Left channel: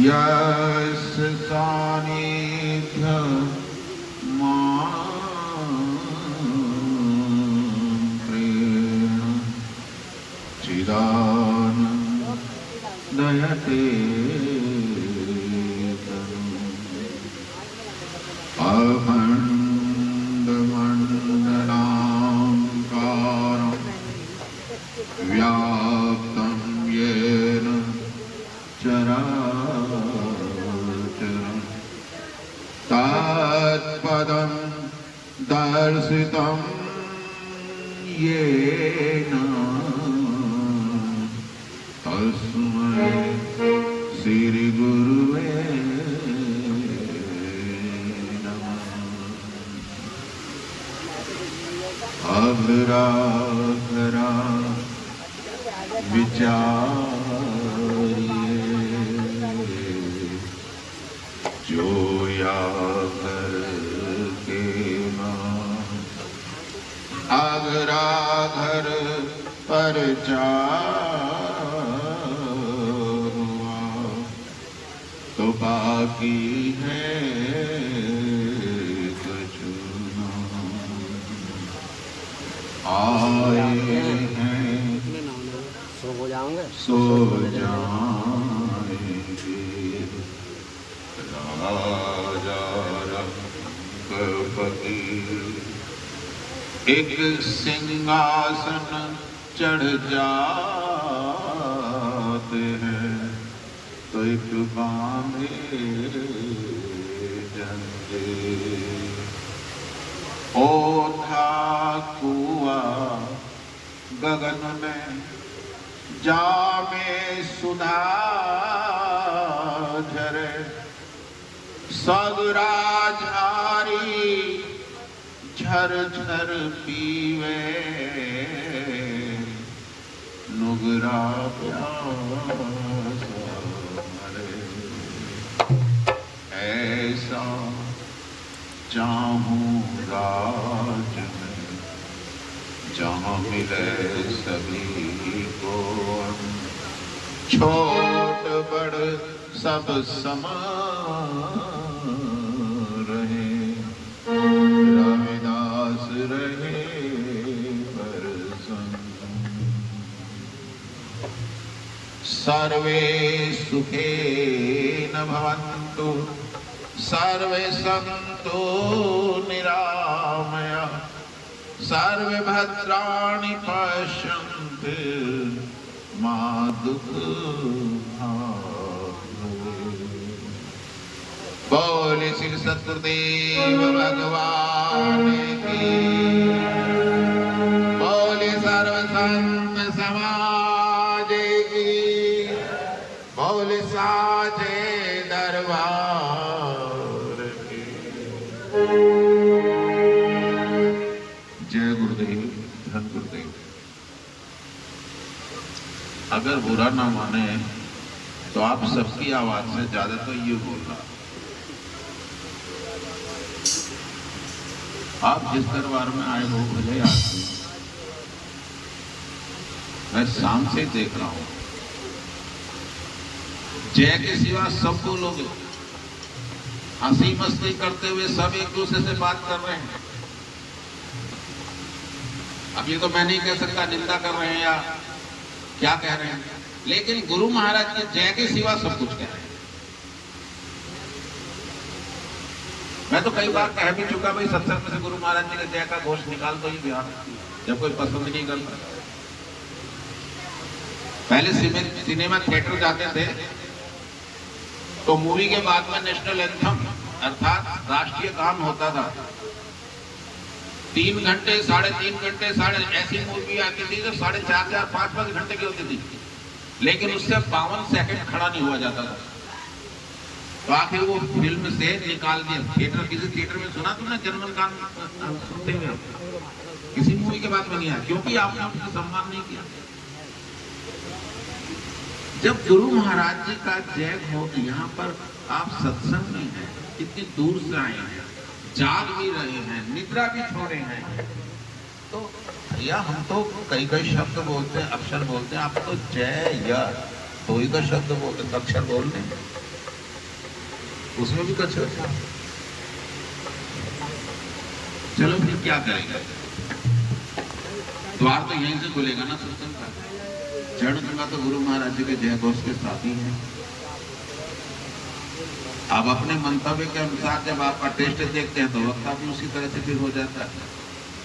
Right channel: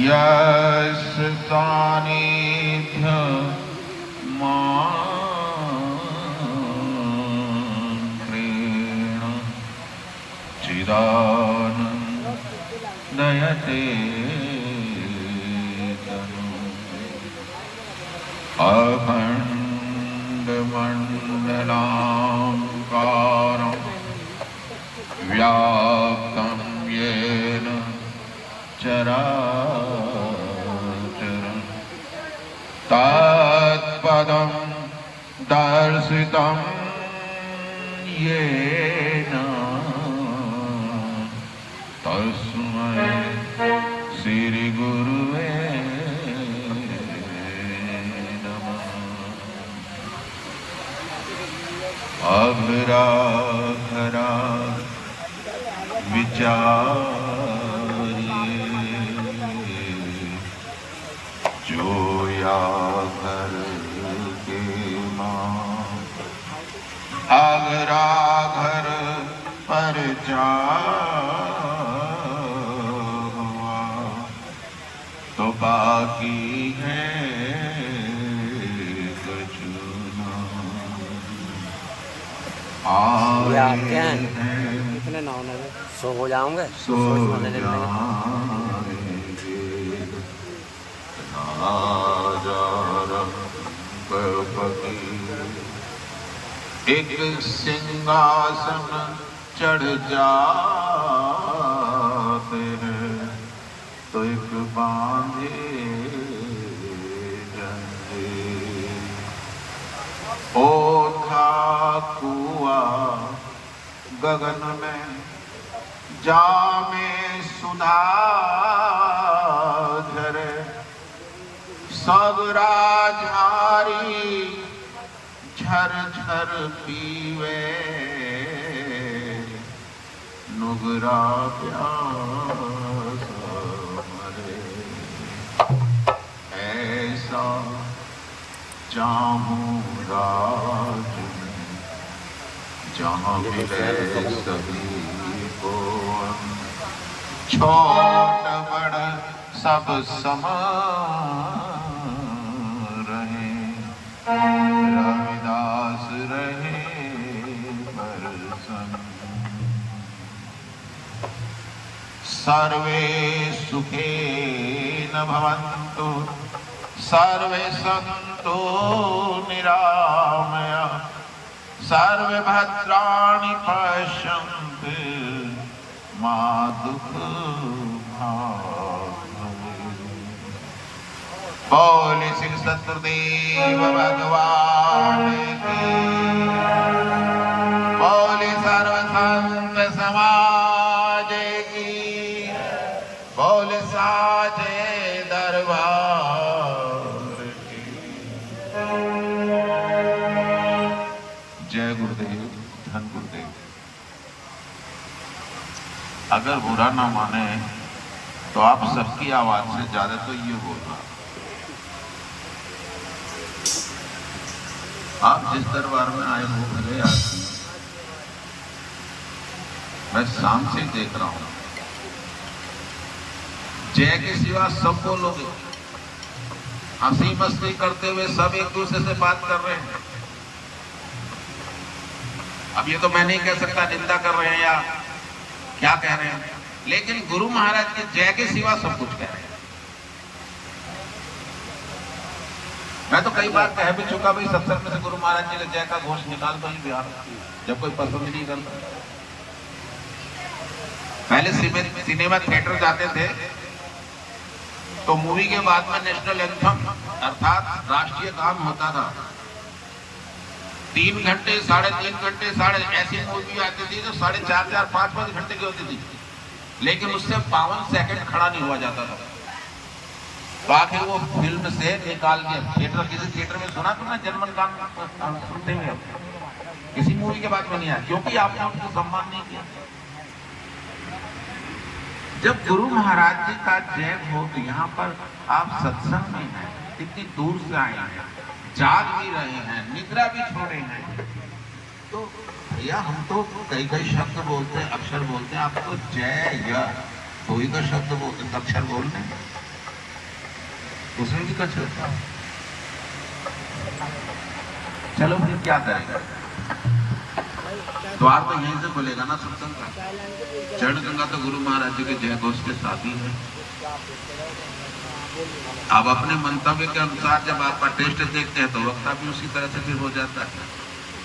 यस्य सानिध्य प्रेण चिदानन्दयते अखण्डमण्डलाकारं व्याप्तं येन चराचरं तत्पदं दर्शितं येन तस्मै श्रीगुरुवे अघरा विचारिए जो या घर के मां अघरा घर पर जा हुआ तो बाकी है सो हो जाओगे एक सिंहासन चढ़ जाते हैं तो एक बांधे जंदे ओ था कुआ गगन में जामे सुधा झरे सगरा झारी झर झर पीवे नुगरा प्यासा मरे ऐसा चाहूं राज में जहाँ मिले सभी को छोट बड़ सब समान रहे रविदास रहे परसन सर्वे सुखे न भवन्तु सर्वे सन्तु निरामया सर्वे भद्राणि पश्यन्तु मा दुःखभाग्भवेत् बोले श्री सतगुरुदेव भगवान की बोले सर्व संत समाज की बोले साचे दरबार की। जय गुरुदेव धन गुरुदेव। अगर बुरा ना माने तो आप सबकी आवाज से ज्यादा तो ये बोलना। आप जिस दरबार में आए हो भले आदमी, मैं शाम से देख रहा हूं जय के सिवा सब बोलोगे। हंसी मस्ती करते हुए सब एक दूसरे से बात कर रहे हैं। अब ये तो मैं नहीं कह सकता निंदा कर रहे हैं या क्या कह रहे हैं, लेकिन गुरु महाराज के जय के सिवा सब कुछ कह रहे हैं। मैं तो कई बार कह भी चुका भाई सत्संग में से गुरु महाराज जी के जय का घोष निकाल दो ही बिहार, जब कोई पसंद नहीं करता। पहले सिनेमा थिएटर जाते थे तो मूवी के बाद में नेशनल एंथम अर्थात राष्ट्रीय गान होता था। 3 घंटे 3.5 घंटे ऐसी मूवी आती थी जो 4.5 5 घंटे की होती थी, लेकिन उससे 52 सेकंड खड़ा नहीं हुआ जाता था। तो आखिर वो फिल्म से निकाल दिया। थिएटर किसी थिएटर में सुना तुमने जनमन गान सुनते हुए? किसी मूवी के बाद में नहीं आया, क्योंकि आपने उनका सम्मान नहीं किया। जब गुरु महाराज जी का जय हो तो यहाँ पर आप सत्संग में हैं, कितनी दूर से आए हैं, जाग भी रहे हैं, निद्रा भी छोड़े हैं, तो भैया हम तो कई शब्द बोलते हैं, अक्षर बोलते हैं। आप तो जय या तो ही तो शब्द बोलते, अक्षर बोल रहे हैं। उसमें भी कसरत था। चलो फिर क्या करेंगे, द्वार तो यहीं से खुलेगा ना सत्संग का। चरण गंगा तो गुरु महाराज जी के जय घोष के साथ ही है। अब अपने मंतव्य के अनुसार जब आपका टेस्ट देखते हैं तो वक्ता भी उसी तरह से फिर हो जाता है।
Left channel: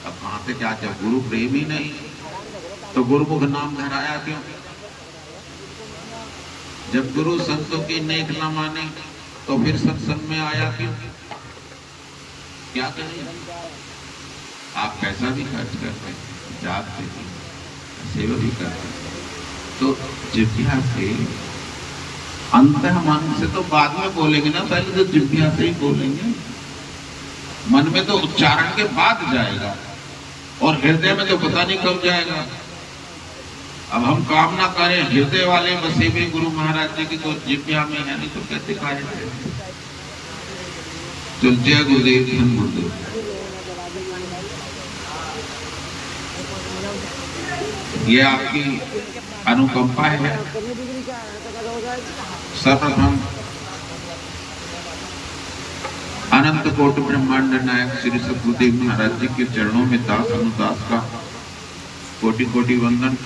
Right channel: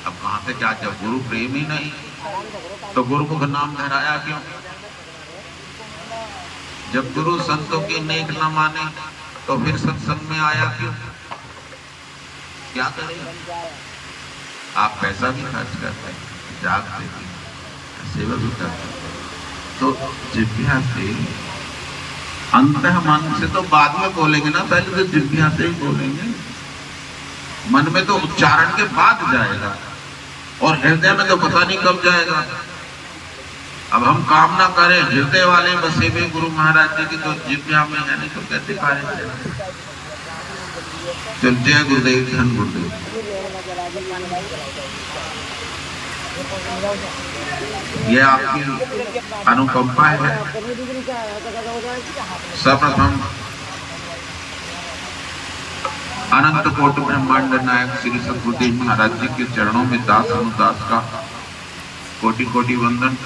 अब कहां से क्या, जब गुरु प्रेम ही नहीं तो गुरुमुख नाम धराया क्यों? जब गुरु संतों की नेक न माने तो फिर सत्संग में आया क्यों? क्या करें, आप पैसा भी खर्च करते हैं, जागते भी, सेवा भी करते हैं, तो जिज्ञा से अंतः मन से तो बाद में बोलेंगे ना, पहले तो जिज्ञा से ही बोलेंगे। मन में तो उच्चारण के बाद जाएगा और हृदय में तो पता नहीं कब जाएगा। अब हम कामना करें हृदय वाले बसे हुए गुरु महाराज जी की, तो जिज्ञा में है नहीं तो कैसे कार्य करें। चल, जय गुरुदेव, धन गुरुदेव। ये आपकी अनुकंपा है। सर्वप्रथम अनंत कोटि ब्रह्मांड नायक श्री सद्गुरुदेव महाराज जी के चरणों में दास अनुदास का कोटि कोटि वंदन।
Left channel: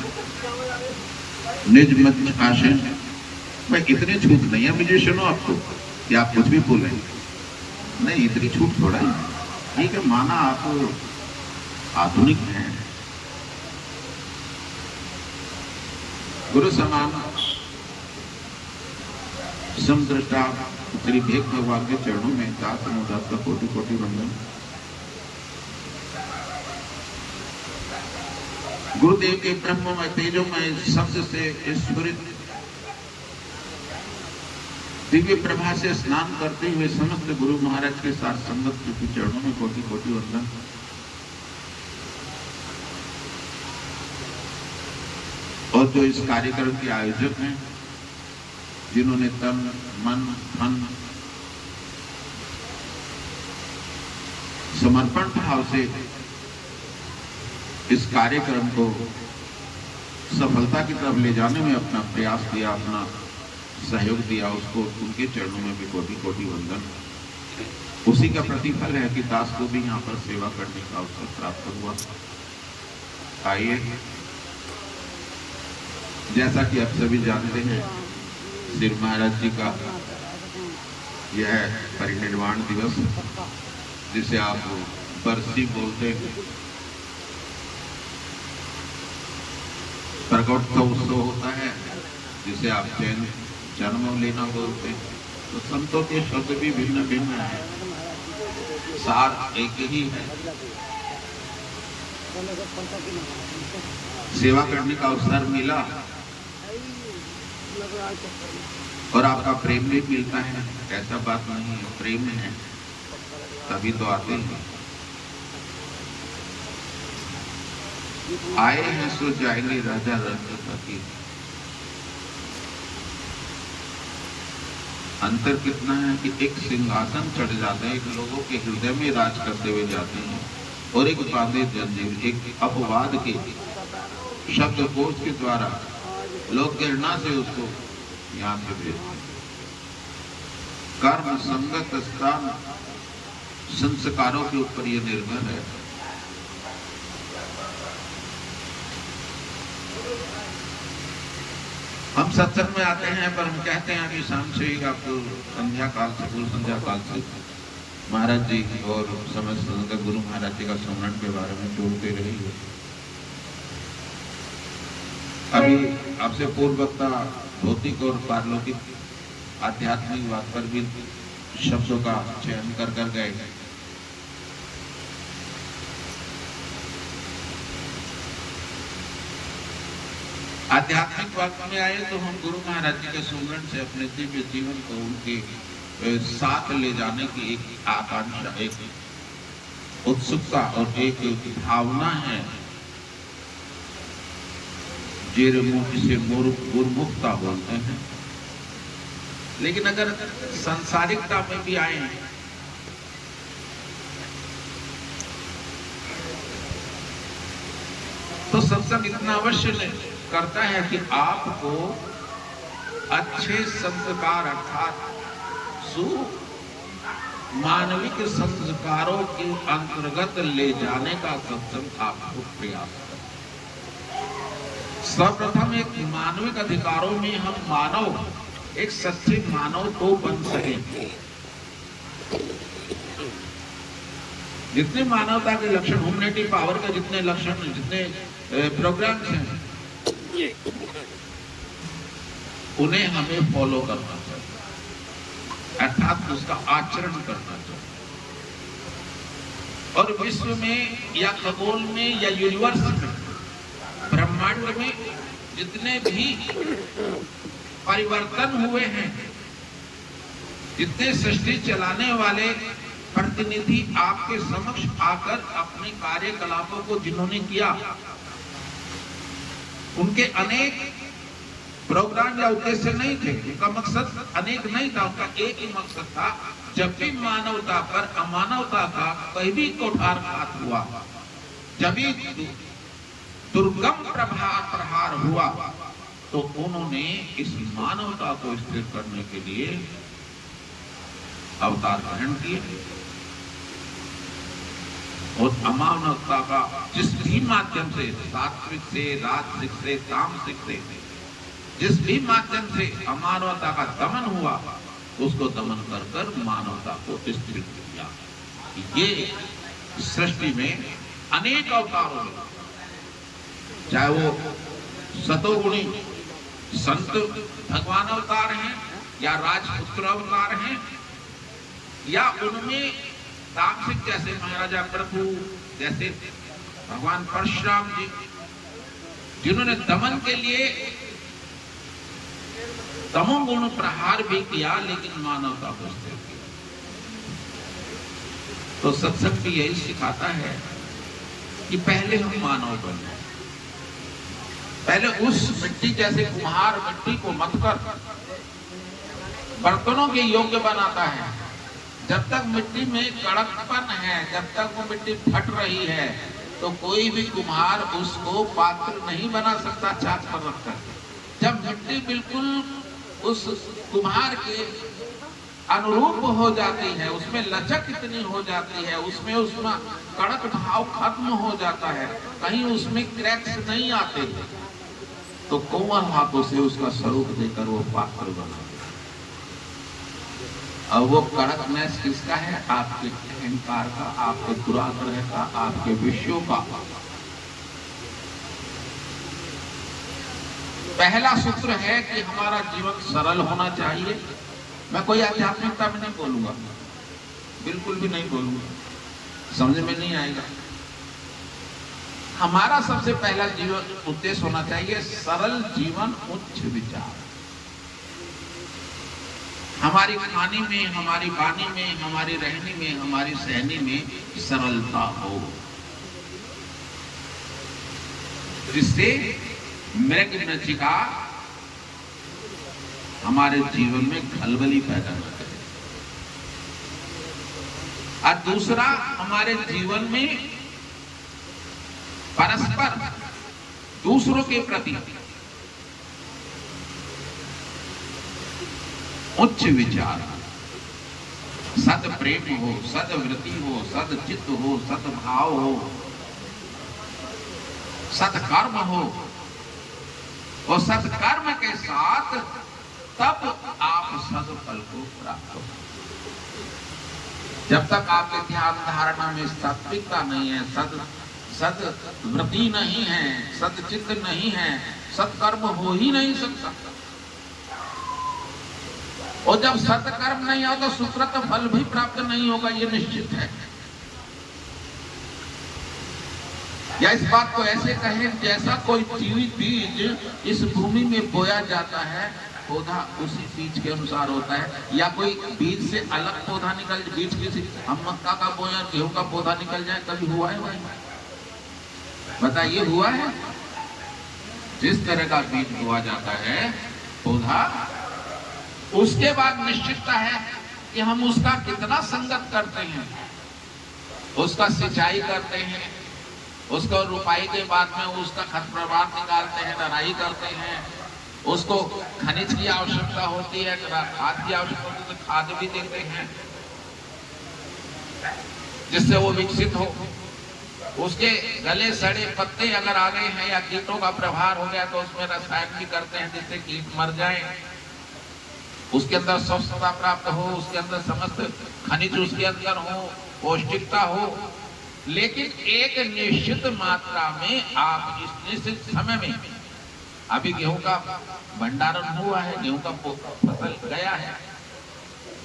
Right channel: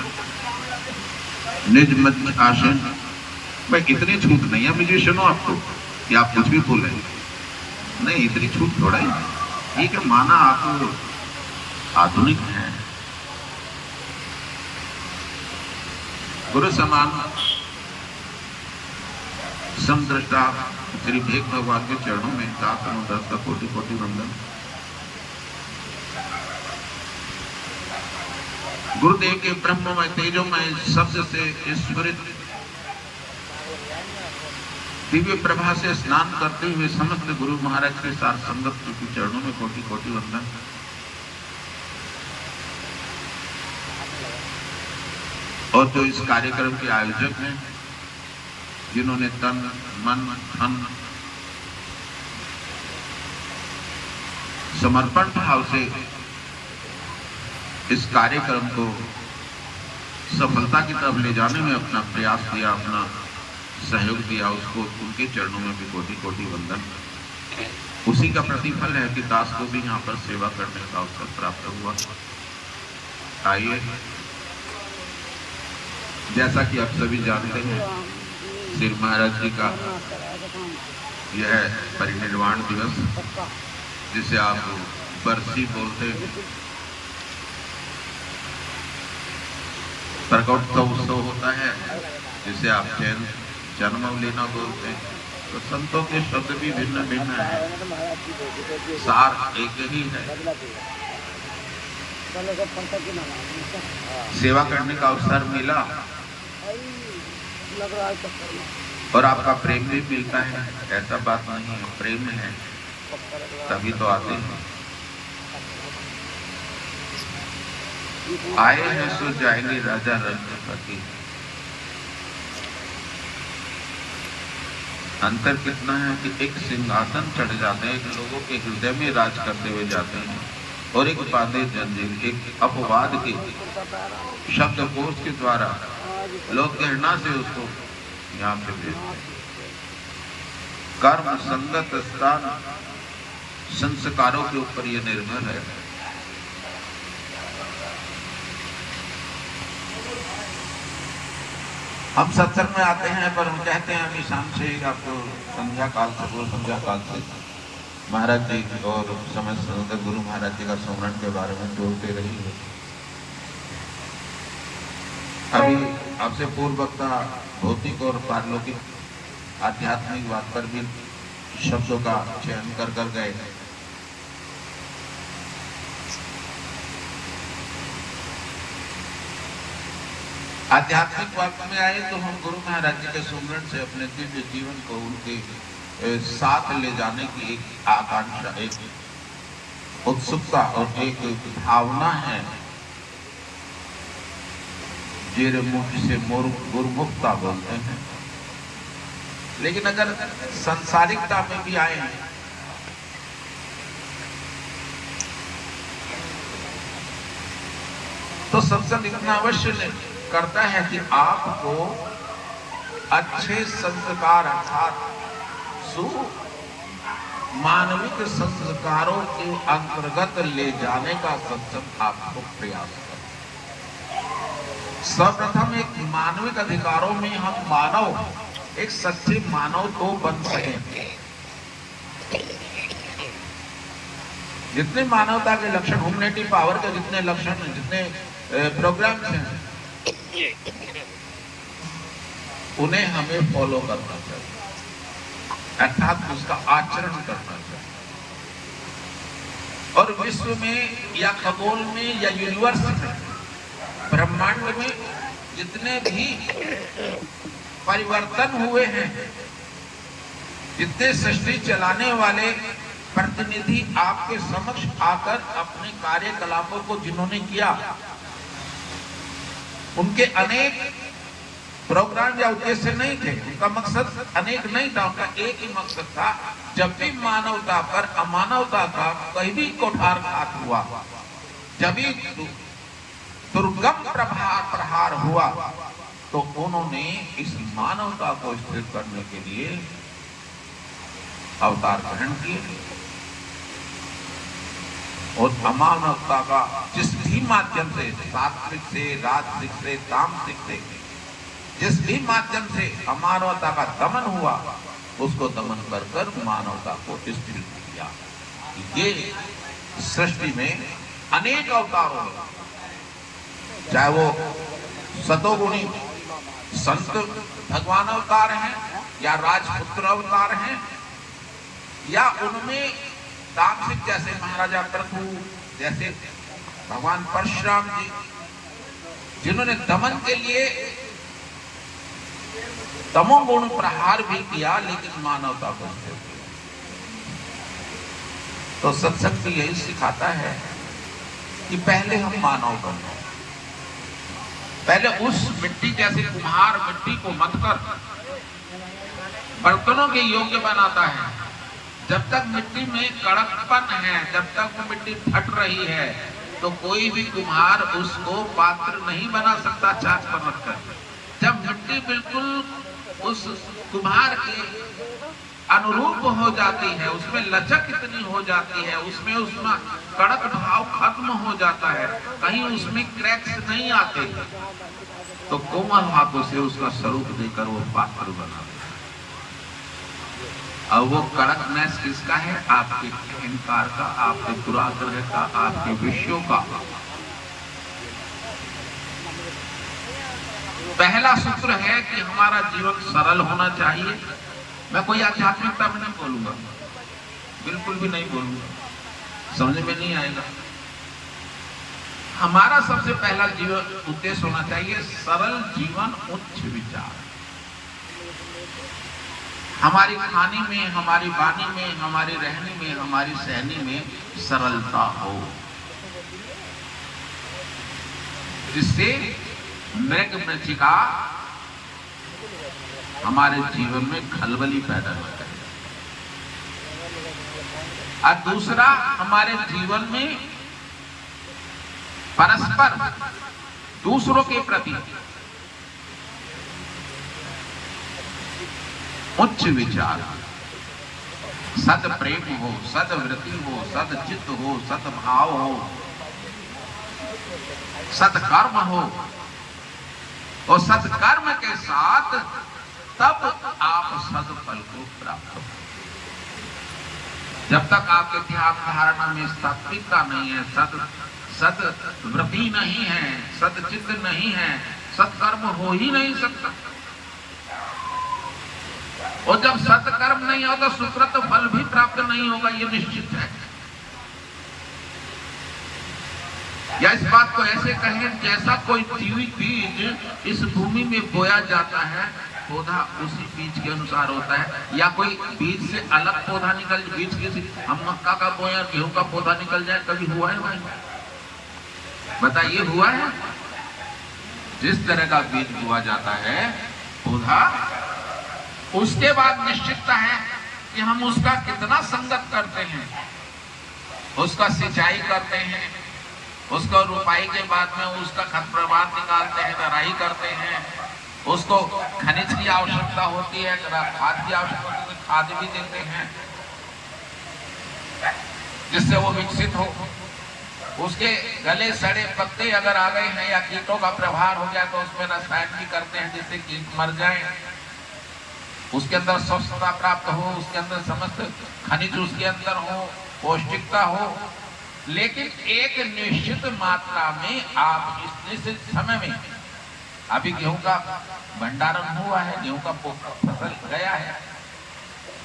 निज मत आसन। भाई इतनी छूट नहीं है मुझे, सुनो आपको कि आप कुछ भी बोले नहीं, इतनी छूट थोड़ा ही। ठीक है, माना आप आधुनिक हैं, गुरु समान समदृष्टा श्री भेद भगवान के चरणों में दास अनुदास का कोटि कोटि वंदन। गुरुदेव के ब्रह्ममय तेजोमय शब्द से स्फुरित दिव्य प्रभा से स्नान करते हुए समस्त गुरु महाराज के साथ संगत के चरणों में कोटि कोटि वंदन। और जो इस कार्यक्रम के आयोजक हैं, जिन्होंने तन मन धन समर्पण भाव से इस कार्यक्रम को सफलता की तरफ ले जाने में अपना प्रयास दिया, अपना सहयोग दिया, उसको उनके चरणों में भी कोटि कोटि वंदन। उसी का प्रतिफल है कि दास को भी यहाँ पर सेवा करने का अवसर प्राप्त हुआ। आइए, जैसा कि आप सभी जानते हैं, श्री महाराज जी का यह परिनिर्वाण दिवस, जिसे आप बरसी बोलते हैं, प्रकटोत्सव उत्सव होता है, जिसे आप जन्मलीना बोलते हैं। तो संतों के शब्द भी भिन्न भिन्न हैं, सार एक ही है। सेवा करने का अवसर मिला और आपका प्रेम भी मिलता है, ऐसा बात नहीं है, प्रेम है तभी तो आते हैं। आए हैं सो जाएंगे राजा रंगपति। अंतर कितना है कि एक सिंहासन चढ़ जाते हैं, एक लोगों के हृदय में राज करते हुए जाते हैं, और एक बांधे जंजीर, एक अपवाद के शब्दकोश के द्वारा लोग घृणा से उसको यहाँ से भेजते हैं। कर्म संगत स्थान संस्कारों के ऊपर यह निर्भर है। हम सत्संग में आते हैं पर हम कहते हैं अभी शाम से आपको संध्या काल से, पूर्व संध्या काल से महाराज जी और समस्त गुरु महाराज जी का स्मरण के बारे में जोड़ते रहिए। अभी आपसे पूर्व वक्ता भौतिक और पारलौकिक आध्यात्मिक बात पर भी शब्दों का चयन कर गए। आध्यात्मिक बात में आए तो हम गुरु महाराज जी के सुमरण से अपने दिव्य जीवन को उनके साथ ले जाने की एक आकांक्षा, एक उत्सुकता और एक भावना है, जिसे गुरुमुखता बोलते हैं। लेकिन अगर सांसारिकता में भी आए तो सत्संग इतना अवश्य करता है कि आपको अच्छे संस्कार अर्थात मानविक संस्कारों के अंतर्गत ले जाने का सत्संग आपको प्रयास करें। सर्वप्रथम एक मानविक अधिकारों में हम मानव, एक सच्चे मानव तो बन सके। जितने मानवता के लक्षण, ह्यूमैनिटी पावर के जितने लक्षण, जितने प्रोग्राम्स हैं, उन्हें हमें फॉलो करना चाहिए, अर्थात उसका आचरण करना चाहिए। और विश्व में या खगोल में या यूनिवर्स में, ब्रह्मांड में जितने भी परिवर्तन हुए हैं, जितने सृष्टि चलाने वाले प्रतिनिधि आपके समक्ष आकर अपने कार्यकलापों को जिन्होंने किया, उनके अनेक प्रोग्राम या उद्देश्य नहीं थे, उनका मकसद अनेक नहीं था, उनका एक ही मकसद था, जब भी मानवता पर अमानवता का कहीं भी कुठारघात हुआ, जब भी दुर्गम प्रहार हुआ, तो उन्होंने इस मानवता को स्थिर करने के लिए अवतार ग्रहण किए और अमानवता का जिस भी माध्यम से, सात्विक से, राजसिक से, तामसिक से, जिस भी माध्यम से अमानवता का दमन हुआ, उसको दमन कर कर मानवता को स्थिर किया। ये सृष्टि में अनेक अवतारों में, चाहे वो सतोगुणी संत भगवान अवतार हैं या राजपुत्र अवतार हैं, या उनमें तामसिक जैसे महाराजा प्रभु, जैसे भगवान परशुराम जी, जिन्होंने दमन के लिए तमोगुण प्रहार भी किया, लेकिन मानवता को स्थिर किया। तो सत्संग भी यही सिखाता है कि पहले हम मानव बनो, पहले उस मिट्टी जैसे कुम्हार मिट्टी को मथकर बर्तनों के योग्य बनाता है। जब तक मिट्टी में कड़कपन है, जब तक वो मिट्टी फट रही है, तो कोई भी कुम्हार उसको पात्र नहीं बना सकता चाक पर रखकर। जब मिट्टी बिल्कुल उस कुम्हार के अनुरूप हो जाती है, उसमें लचक इतनी हो जाती है, उसमें कड़क भाव खत्म हो जाता है, कहीं उसमें क्रैक्स नहीं आते, तो कोमल हाथों से उसका स्वरूप देकर वो पात्र बना देता। अब वो कड़कनेस किसका है? आपके अहंकार का, आपके दुराग्रह का, आपके विषयों का। पहला सूत्र है कि हमारा जीवन सरल होना चाहिए। मैं कोई आध्यात्मिकता में नहीं बोलूंगा, बिल्कुल भी नहीं बोलूंगा, समझ में नहीं आएगा। हमारा सबसे पहला जीवन उद्देश्य होना चाहिए सरल जीवन, उच्च विचार। हमारी खानी में, हमारी वाणी में, हमारी रहनी में, हमारी सहनी में सरलता हो, जिससे मृग मृचिका हमारे जीवन में खलबली पैदा न करे। और दूसरा, हमारे जीवन में परस्पर दूसरों के प्रति उच्च विचार, सद प्रेम हो, सद वृत्ति हो, सद चित्त हो, सद भाव हो, सत्कर्म हो, और सत्कर्म के साथ तब आप सदफल को प्राप्त हो। जब तक आपके ध्यान धारणा में सात्विकता नहीं है, सद वृत्ति नहीं है, सदचित्त नहीं है, सत्कर्म हो ही नहीं सकता। और जब सत्कर्म नहीं होगा, सुकृत फल भी प्राप्त नहीं होगा, ये निश्चित है। या इस बात को ऐसे कहें, जैसा कोई जीवित बीज इस भूमि में बोया जाता है, पौधा उसी बीज के अनुसार होता है। या कोई बीज से अलग पौधा निकल, बीज किसी, हम मक्का का बोया गेहूं का पौधा निकल जाए, कभी हुआ है भाई? बताइए, हुआ है? जिस तरह का बीज बोया जाता है पौधा, उसके बाद निश्चितता है कि हम उसका कितना संगत करते हैं, उसका सिंचाई करते हैं, उसको रुपाई के बाद में उसका खत प्रवाह निकालते हैं, दराई करते हैं, उसको खनिज की आवश्यकता होती है, खाद की आवश्यकता होती है, खाद भी देते हैं। जिससे वो विकसित हो। उसके गले सड़े पत्ते अगर आ गए हैं या कीटों का प्रभार हो गया तो उसमें रसायन भी करते हैं जिससे कीट मर जाएं। उसके अंदर स्वस्थता प्राप्त हो, उसके अंदर समस्त खनिज उसके अंदर हो, पौष्टिकता हो। लेकिन एक निश्चित मात्रा में आप इस निश्चित समय में, अभी गेहूं का भंडारण हुआ है, गेहूं का फसल गया है,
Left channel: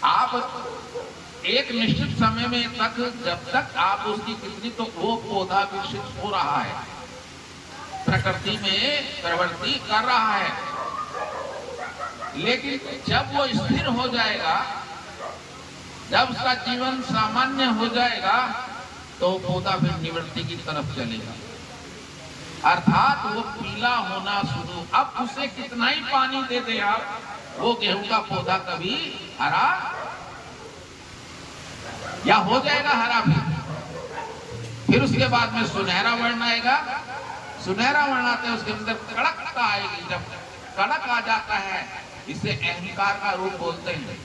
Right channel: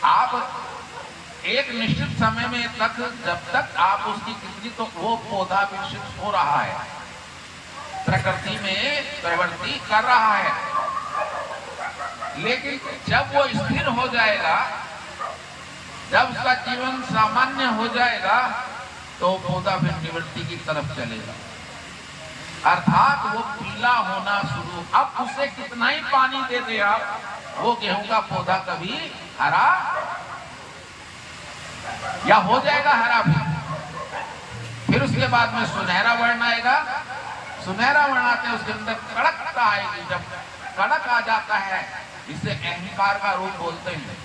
आप एक निश्चित समय में तक जब तक आप उसकी कितनी, तो वो पौधा विकसित हो रहा है, प्रकृति में प्रवृत्ति कर रहा है। लेकिन जब वो स्थिर हो जाएगा, जब उसका जीवन सामान्य हो जाएगा, तो पौधा फिर निवृत्ति की तरफ चलेगा, अर्थात वो पीला होना शुरू। अब उसे कितना ही पानी दे दे आप, वो गेहूं का पौधा कभी हरा या हो जाएगा हरा फिर उसके बाद में सुनहरा वर्ण आएगा। सुनहरा वर्ण आते हैं, उसके अंदर कड़कता आएगी। जब कड़क आ जाता है, इसे अहंकार का रूप बोलते हैं।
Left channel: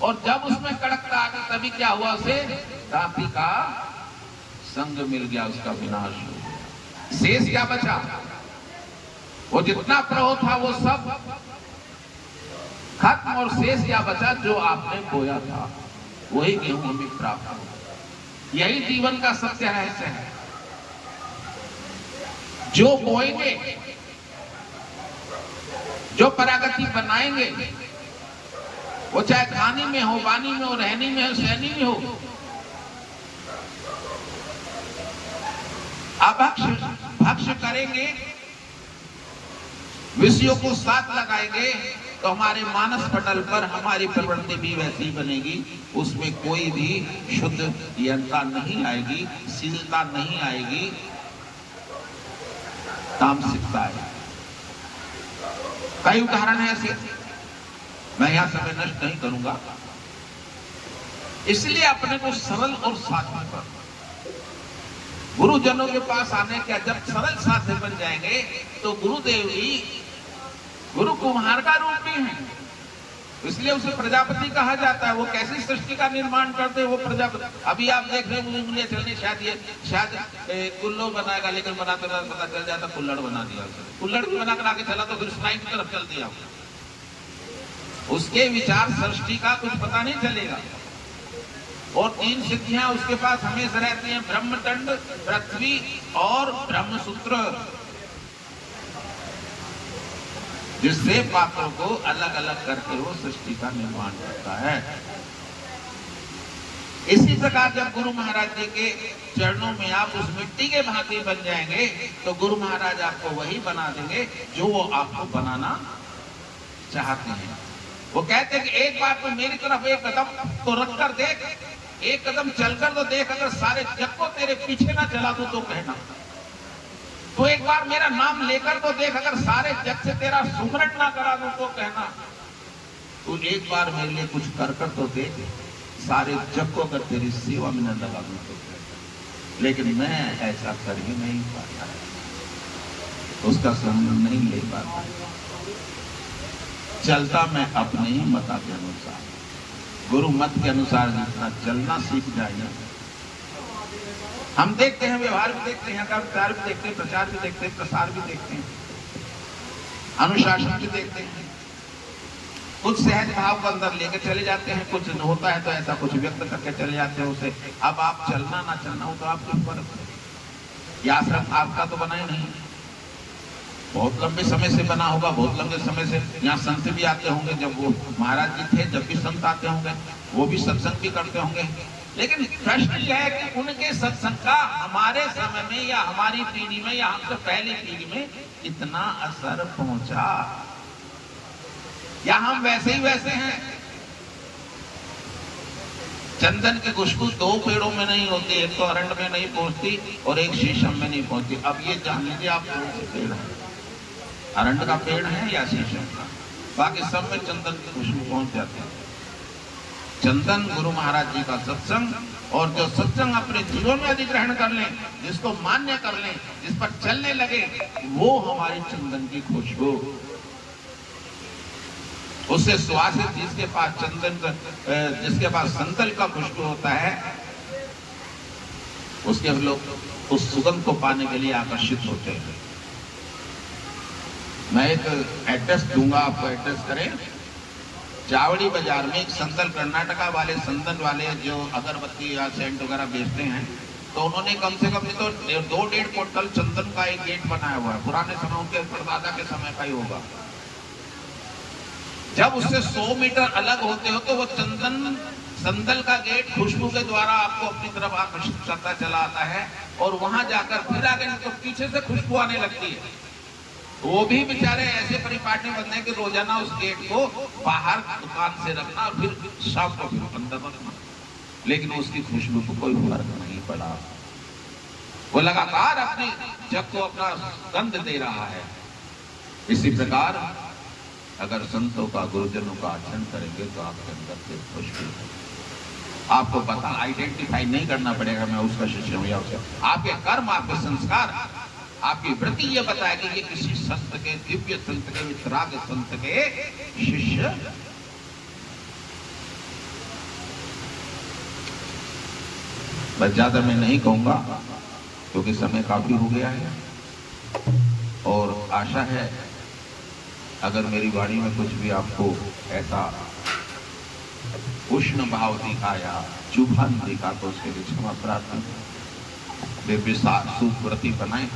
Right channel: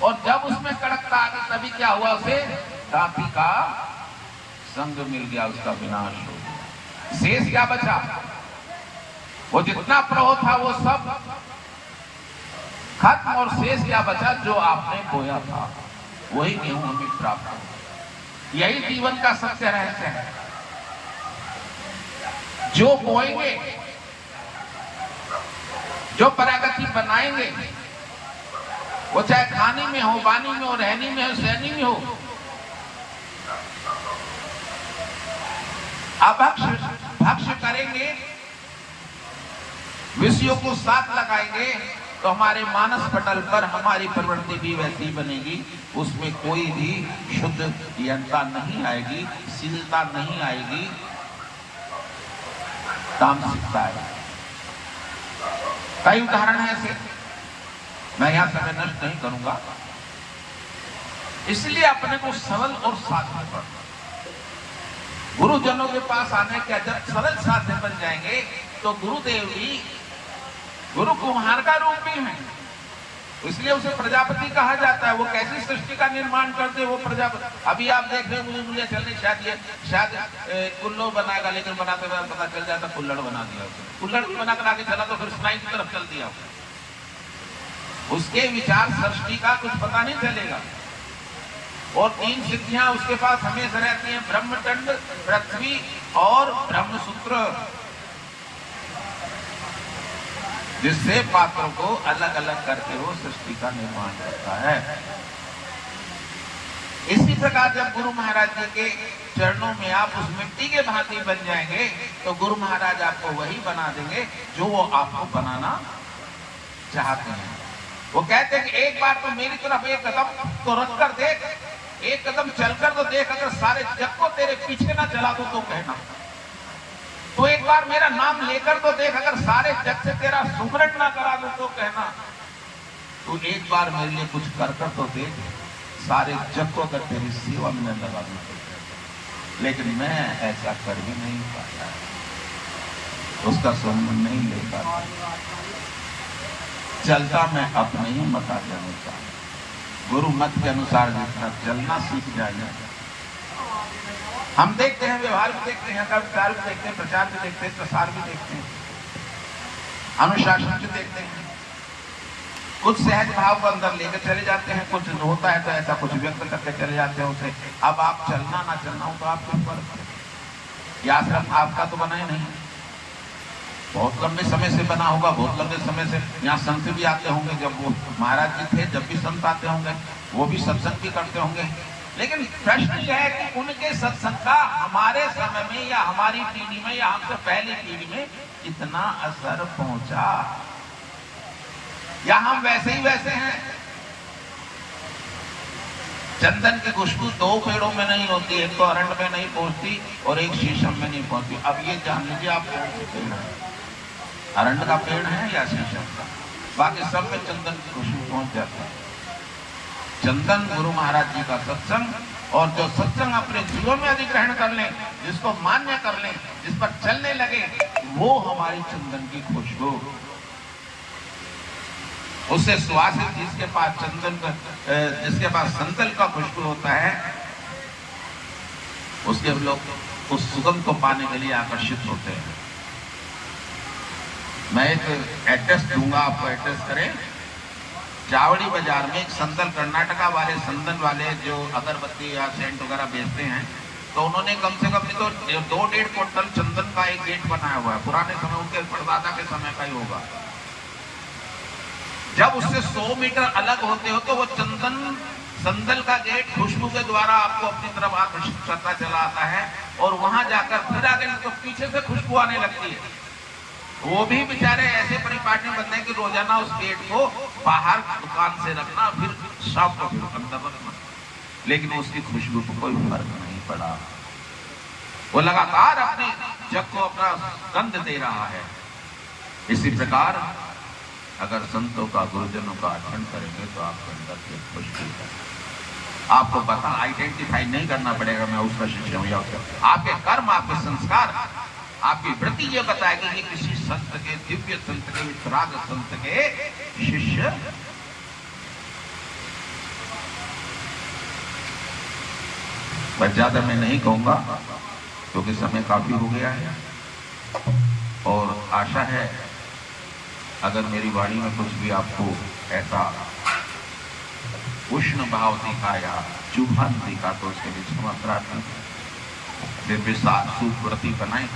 और जब उसमें कड़कता आ गई, तभी क्या हुआ, उसे दाती का संग मिल गया, उसका विनाश हो गया। शेष क्या बचा? वो जितना प्रभु था वो सब खत्म, और शेष क्या बचा? जो आपने बोया था वही गेहूं हमें प्राप्त हो। यही जीवन का सत्य रहस्य है। जो बोएंगे, जो प्रगति बनाएंगे, वो चाहे खाने में हो, वाणी में हो, रहनी में हो, सहनी में हो, भक्ष करेंगे, विषयों को साथ लगाएंगे, तो हमारे मानस पटल पर हमारी प्रवृत्ति भी वैसी बनेगी। उसमें कोई भी शुद्धता नहीं आएगी, शीलता नहीं आएगी, तामसिकता है। कई उदाहरण है ऐसे, मैं यहां समय नष्ट नहीं करूंगा। इसलिए अपने को सरल और साध्य पर, गुरुजनों के पास आने के जब सरल साध्य बन जाएंगे, तो गुरुदेव भी गुरु कुम्हार का रूप भी है। इसलिए उसे प्रजापति कहा जाता है। वो कैसी सृष्टि का निर्माण करते हैं, वो प्रजापति। अभी आप देख रहे हैं, मुझे चल रही शायद कुल्लो बनाएगा, लेकिन बनाते पता चल जाता कुल्लड़ बना दिया। कुल्लड़ भी बनाकर आगे चला तो फिर स्नाई की तरफ चल दिया। उसके विचार सृष्टि का कुछ पता नहीं चलेगा। और 3 सिद्धियां उसके पास हमेशा रहती हैं, ब्रह्मदंड, पृथ्वी और ब्रह्मसूत्र, जिससे पात्रों को अलग अलग करके वो सृष्टि का निर्माण करता है। इसी प्रकार जब गुरु महाराज जी के चरणों में आप उस मिट्टी के भांति बन जाएंगे, तो गुरु महाराज आपको वही बना देंगे जो वो आपको बनाना चाहते हैं। वो कहते हैं कि एक बार तो मेरी तरफ एक कदम तो रख कर देख, एक कदम चलकर तो देख, अगर सारे जग को तेरे पीछे ना चला दो तो कहना। तो एक बार मेरा नाम लेकर तो देख, अगर सारे जग से तेरा सुमरण ना करा दूं तो कहना। तो एक बार मेरे लिए कुछ कर तो देख, सारे जग को अगर तेरी सेवा में लगा दूं तो कहना। लेकिन मैं ऐसा कर ही नहीं पाता, उसका सुमरण नहीं ले पाता। चलता मैं अपने ही मत के अनुसार, गुरु मत के अनुसार जितना चलना सीख जाएगा। हम देखते हैं, व्यवहार भी देखते हैं, विचार भी देखते हैं, प्रचार भी देखते हैं, प्रसार भी देखते हैं, अनुशासन भी देखते हैं। कुछ सहज भाव को अंदर लेकर चले जाते हैं, कुछ होता है तो ऐसा कुछ व्यक्त करके चले जाते हैं उसे। अब आप चलना ना चलना हो तो आपके ऊपर, यह आश्रम आपका तो बना ही नहीं, बहुत लंबे समय से बना होगा, बहुत लंबे समय से यहाँ संत भी आते होंगे। जब वो महाराज जी थे, जब भी संत आते होंगे, वो भी सत्संग भी करते होंगे। लेकिन प्रश्न यह है कि उनके सत्संग का हमारे समय में या हमारी पीढ़ी में या हमसे पहली पीढ़ी में कितना असर पहुंचा, या हम वैसे ही वैसे हैं। चंदन की खुशबू 2 पेड़ों में नहीं होती, एक तो अरंड में नहीं पहुंचती और एक शीशम में नहीं पहुंचती। अब ये जान लीजिए आप कौन से पेड़ है, अरंड का पेड़ है या शीशम का? बाकी सब में चंदन की खुशबू पहुंच जाती है। चंदन गुरु महाराज जी का सत्संग, और जो सत्संग अपने जीवन में अधिग्रहण कर लें, जिसको मान्य कर लें, जिस पर चलने लगे, वो हमारी चंदन की खुशबू। उससे सुवासित जिसके पास चंदन, जिसके पास संदल का खुशबू होता है, उसके लोग उस सुगंध को पाने के लिए आकर्षित होते हैं। मैं एक एड्रेस दूंगा आपको, एड्रेस करें। चावड़ी बाजार में एक संदल, कर्नाटका वाले संदल वाले जो अगरबत्ती या सेंट वगैरह बेचते हैं, तो उन्होंने कम से कम तो 2-1.5 क्विंटल चंदन का एक गेट बनाया हुआ है। पुराने समय, उनके परदादा के समय का ही होगा। जब उससे 100 मीटर अलग होते हो तो वो चंदन संदल का गेट खुशबू के द्वारा आपको अपनी तरफ आकर्षित करता चला आता है, और वहां जाकर फिर आगे तो पीछे से खुशबू आने लगती है। वो भी बेचारे ऐसे परिपाटी में बनते हैं कि रोजाना उस गेट को बाहर दुकान से रखना, फिर शाम को फिर अंदर रखना, लेकिन उसकी खुशबू को कोई फर्क नहीं पड़ा। वो लगातार अपनी जग को अपना गंध दे रहा है। इसी प्रकार अगर संतों का, गुरुजनों का अर्चन करेंगे तो आपके अंदर से खुशबू है। आपको पता आइडेंटिफाई नहीं करना पड़ेगा मैं उसका शिष्य हूं या उसका। आपके कर्म, आपके संस्कार, आपकी वृत्ति ये बताएगी कि किसी संत के, दिव्य संत के, वितराग संत के शिष्य। बस ज्यादा मैं नहीं कहूंगा क्योंकि समय काफी हो गया है, और आशा है अगर मेरी वाणी में कुछ भी आपको ऐसा उष्ण भाव दिखा या चुभन दिखा तो उसके लिए क्षमा प्रार्थना। दिव्य सुव्रति बनाए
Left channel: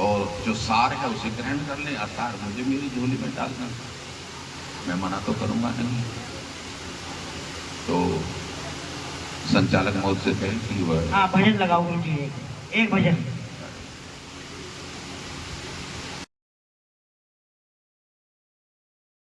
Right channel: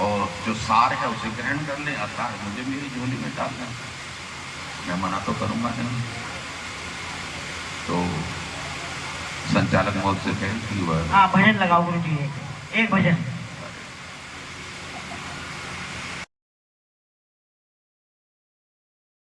और जो सार है उसे ग्रहण कर ले, असार मुझे मेरी झोली में डालना, मैं मना तो करूंगा नहीं। तो संचालक महोदय से कहें कि वह हाँ भजन लगाओ गुरु जी, एक भजन।